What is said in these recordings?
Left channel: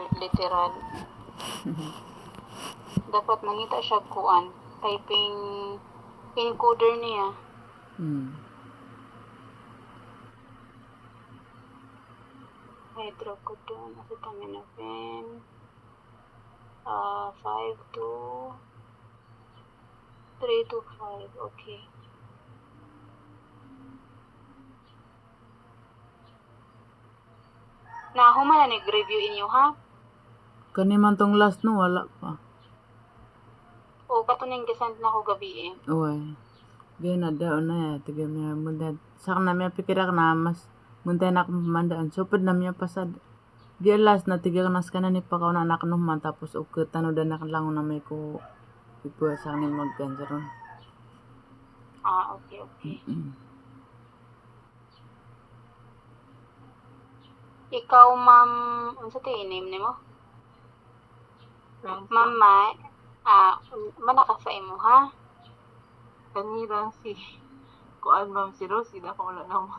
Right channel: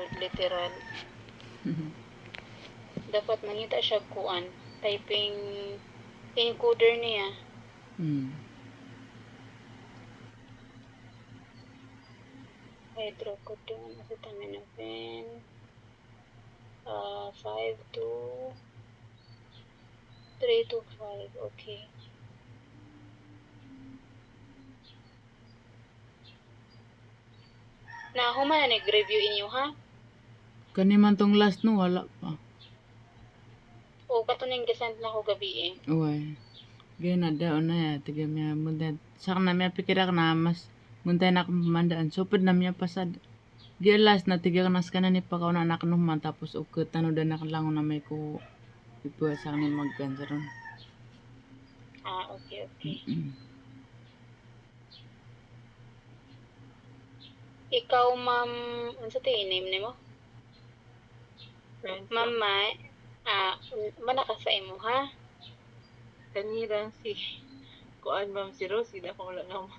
jud literal. Dapat mangita siya kuan typing encoder niya. Hydrocodone, acetaminophen, 5 to 3 to 5, okay. Na human na nag-review inyo ha? Kani man tong last no, wala pa. O katuning gisend na ko gabi eh. Uy. Gaya na daw na ya, tiga miya mundan. Sak na miya pikirak na mas mundan na akong pamandaan. So, pud na miya pasad. Gaya last na tiga kanas ka na ni pakaw na anak numan. Tapos ukit tano na lang na may ko ipuha sa akin mag-cancer ron. Okay, okay. Ikaw, ma'am, unsa to name nimo? Ma'am Mai, manaka sa imo ha? Kanira si kuan ma'am si Rose ida ko wala na mo.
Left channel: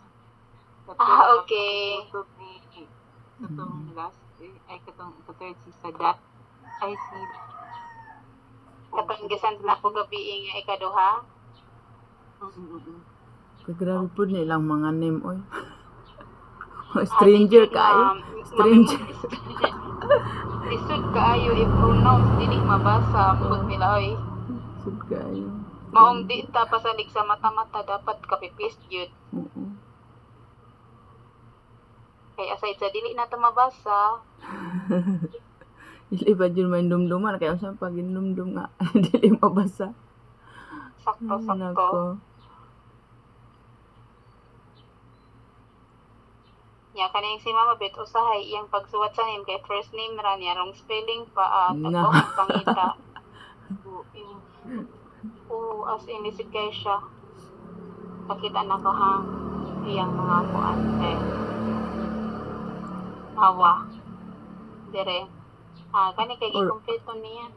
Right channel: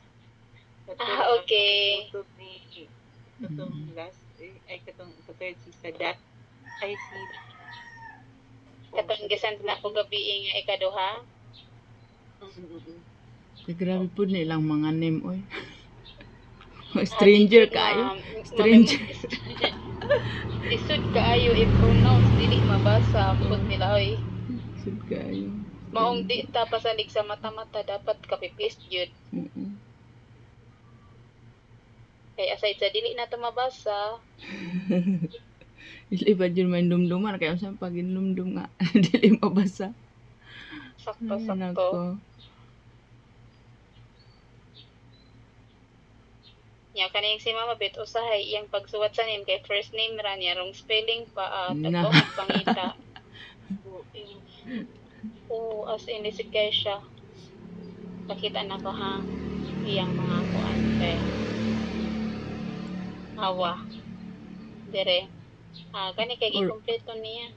Okay. Tutok ni katong last ay katong third si Sadat ay si Katong gisend na ko gabi nga ikaduha. Kaya grabe po nilang mga name, oy. Stranger kayo. Stranger. Lisod kaayo i-pronounce dili mabasa pud nila oy. Sud kayo. Maong di ta pasalig sa mata-mata dapat kapipis jud. Kay aside sa dili na ta mabasa, Dili pa dyan may dumduman. Kaya saan pag dumdum nga. Dili mabasa. sakto-sakto. Nako. Nya kaning si Mama Bet usahay iyang pagsuwat sa name kay first name ra niya wrong spelling pa No. tagong pangita. As in lisod kay siya. Pakita na ko hang iyang mga kuan kay awa. Dire. Kani kay i-kompleto niya.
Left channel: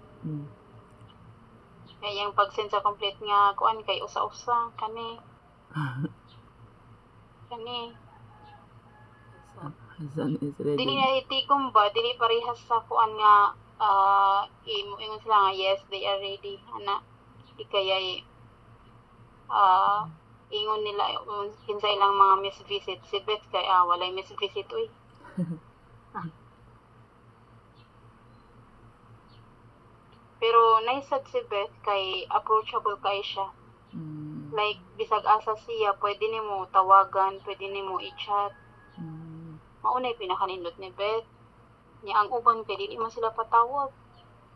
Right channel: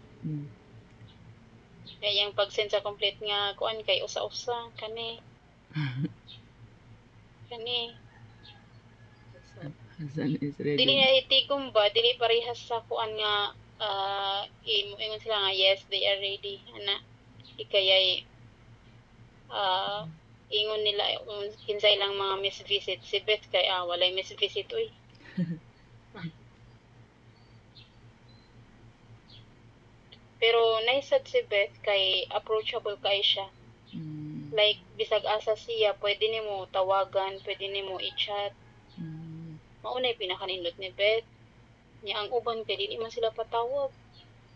Kay iyang pag-send sa complete nga kuan kay usa-usa kani. Hassan is ready. Dili na itikom ba, dili parehas sa kuan nga ingon sila nga yes, they are ready. Ana, di kaya ingon nila kinsa ilang mga miss visit. Si Beth kay walay miss visit uy. Pero naisad si Beth kay approachable kay siya. Like bisag asa siya, pwede nimo tawagan, pwede nimo i-chat. Maunay pinakanindot ni Beth. Nya ang uban kay dili man sila patawag.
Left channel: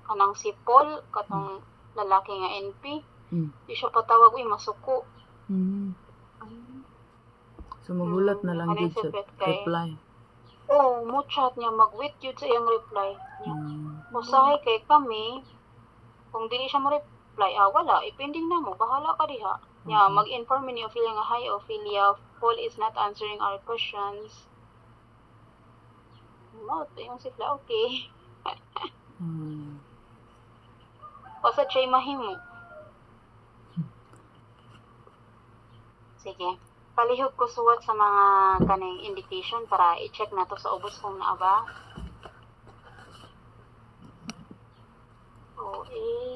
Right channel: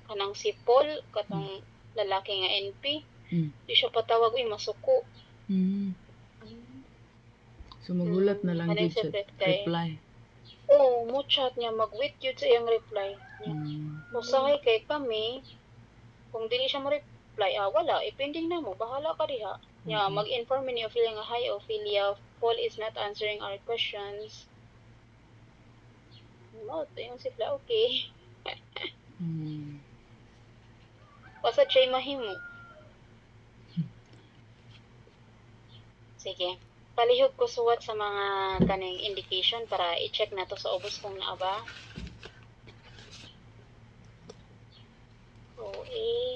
Kanang si Paul, katong lalaki nga NP, di siya patawag uy masuko. So magulat na lang Kanang gid si siya Beth kay reply. mo chat niya, mag-wait yun sa iyang reply niya. Usahay kay kami, kung dili siya mo-reply, wala, ipending na mo, bahala ka diha. Nya, mag-inform ni Ophelia nga, hi Ophelia, Paul is not answering our questions. Ito yung sipla, okay. Basta siya mahimo. Sige. Palihog ko suwat sa mga kaning indication para i-check na to sa ubos kung naa ba. OA